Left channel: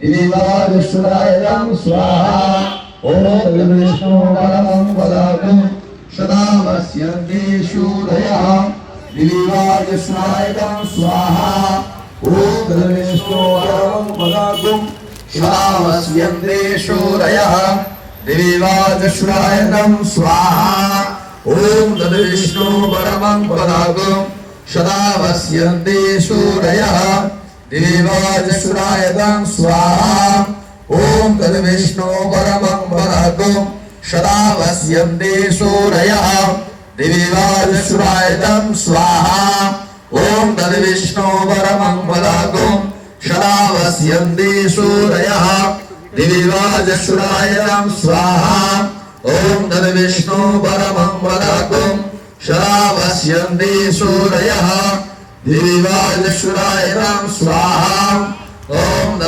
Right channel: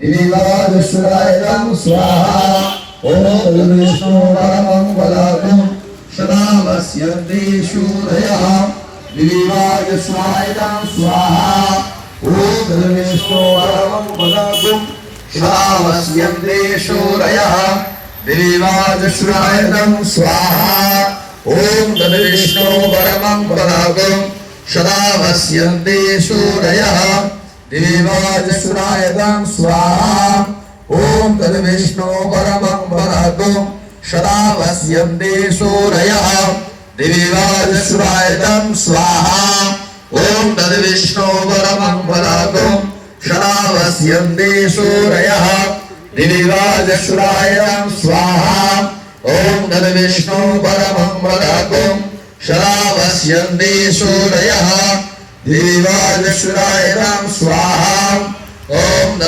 दिवीवाजस्वरायं स्वाहा ओम विष्णु परमं पदाकं सदावस्यन्ते शूरयः दिवीवाजस्वरायं स्वाहा ओम विष्णु परमं पदाकं सदावस्यन्ते शूरयः दिवीवाजस्वरायं स्वाहा ओम विष्णु परमं पदाकं सदावस्यन्ते शूरयः दिवीवाजस्वरायं स्वाहा ओम तद्विष्णु परमं पदाकं सदावस्यन्ते शूरयः दिवीवाजस्वरायं स्वाहा ओम तद्विष्णु परमं पदाकं सदावस्यन्ते शूरयः दिवीवाजस्वरायं स्वाहा ओम तद्विष्णु परमं पदाकं सदावस्यन्ते शूरयः दिवीवाजस्वरायं स्वाहा ओम